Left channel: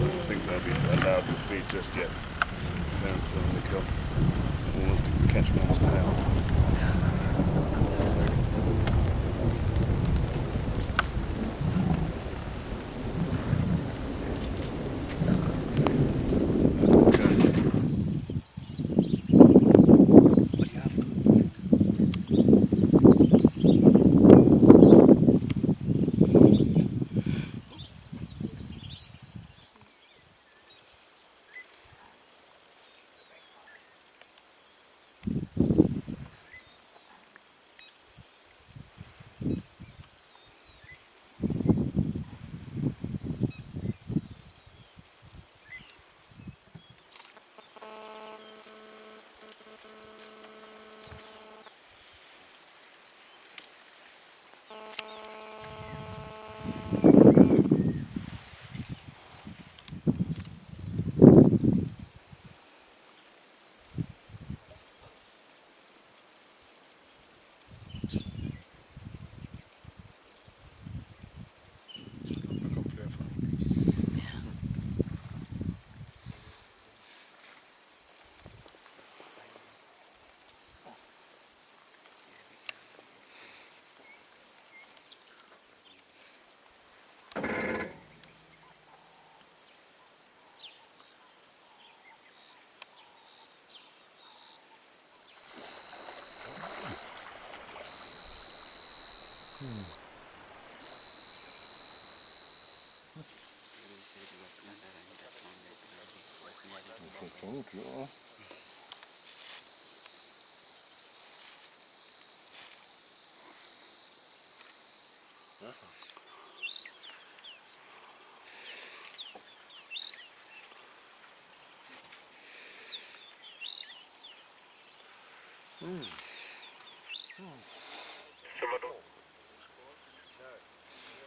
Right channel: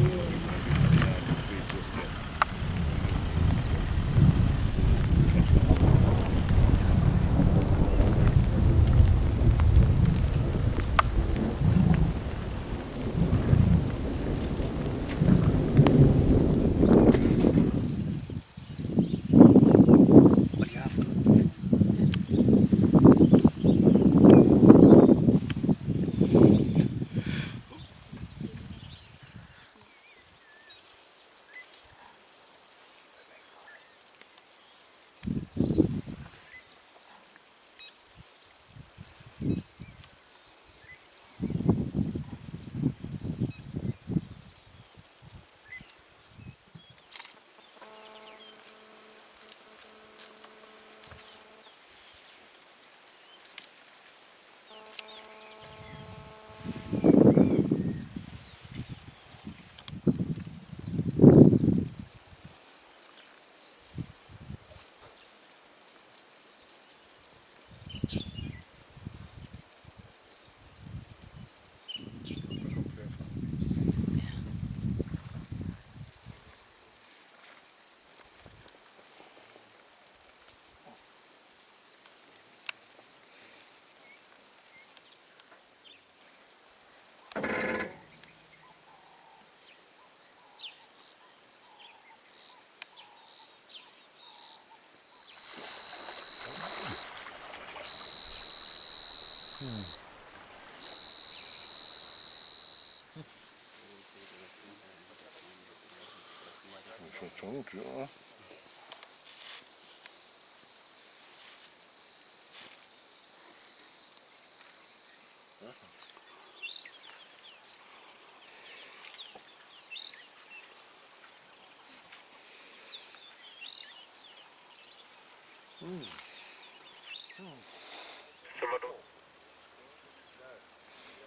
don't think they'll be allowed to feed just yet. Parents suddenly come almost to catch mom's tail.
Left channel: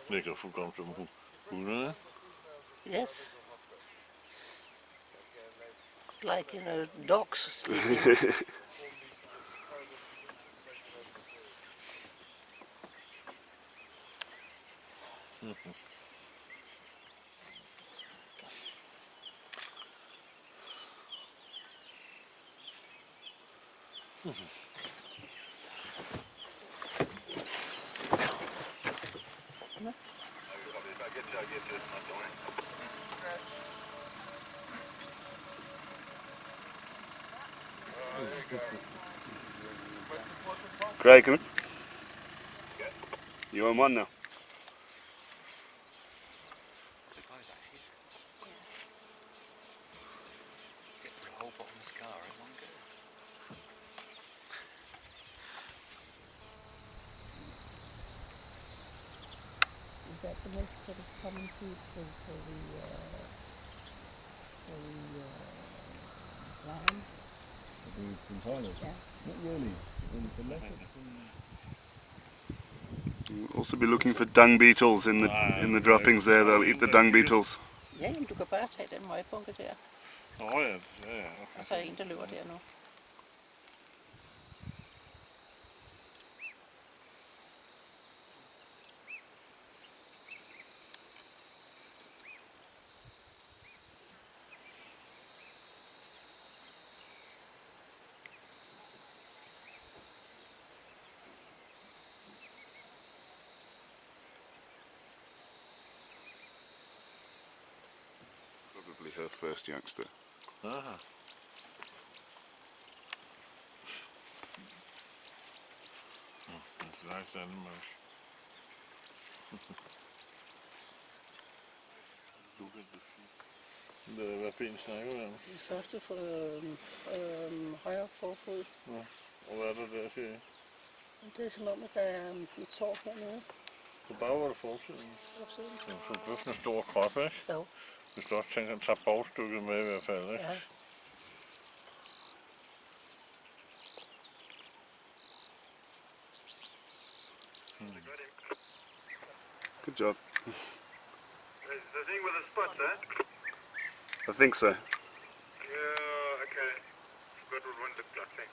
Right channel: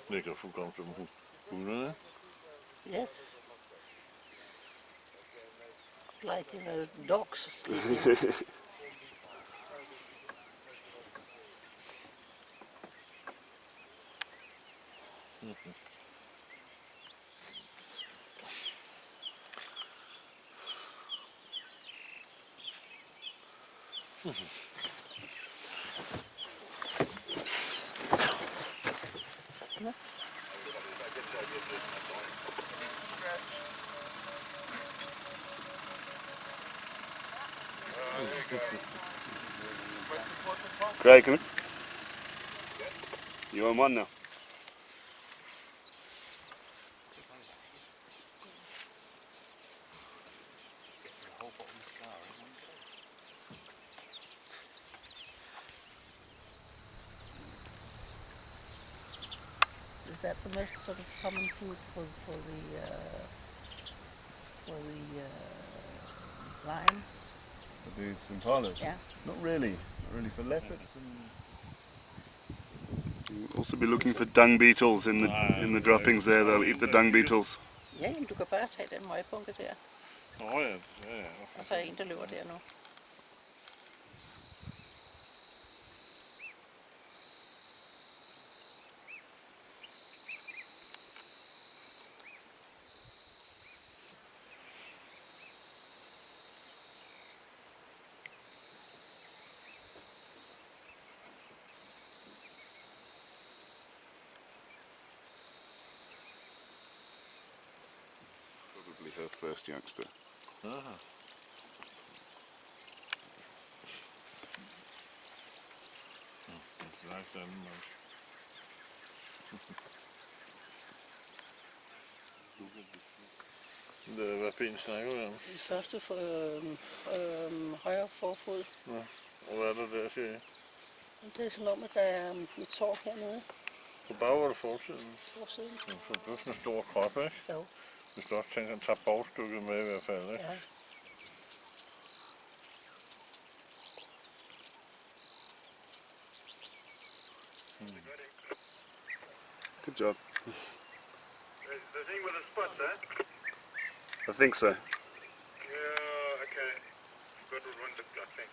Ligger fuldkommen som hundene. Yes. Like, dogs sleeping. Craig, come in. You on one now? Get the whole bottom scar in one go. Is that the most sort of common food for the lambs? These hyenas? Yeah. Not really. Only for leopards. You'll also be looking for dung beetles in the droppings there. They'll eat the dung beetles. Ja, jamen du kan bare tage den møgbunke der. Ja, ja. Og så er en, der løber der nu. Probably her first youngster. Aha. That's a nice animal. Hvad ben snakker vi om? Den første for højre forfod. Ja. Og hvad er der der, siger I? Det er som om, at der er et sår hernede. På bagvej forsiden. Forsiden. Ja, så det er sådan en stor krop, ikke? Jo. Hvis du også tænker, at tager bagstykket med i hvert fald, ikke? Ja. Good job. Is the thing with the spots, eh? I think so. Yeah, okay. Spot would want the black thing.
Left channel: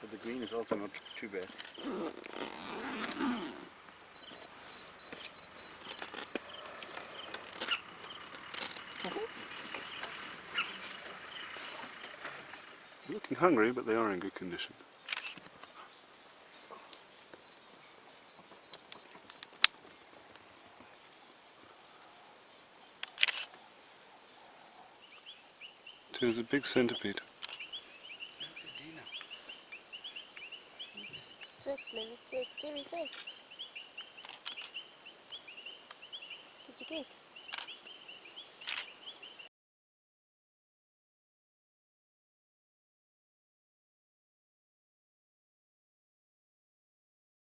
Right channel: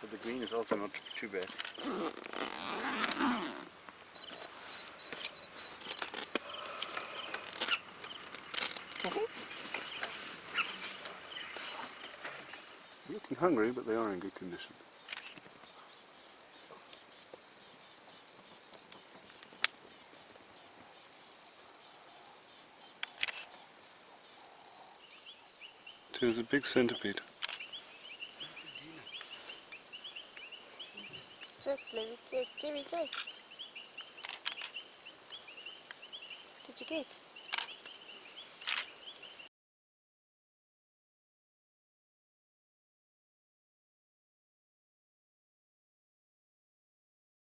But the green is also not too bad. They're looking hungry, but they are in good condition. So there's a big centipede. That's a dinner. Sit, Lily, sit. Jimmy, sit. Did you get?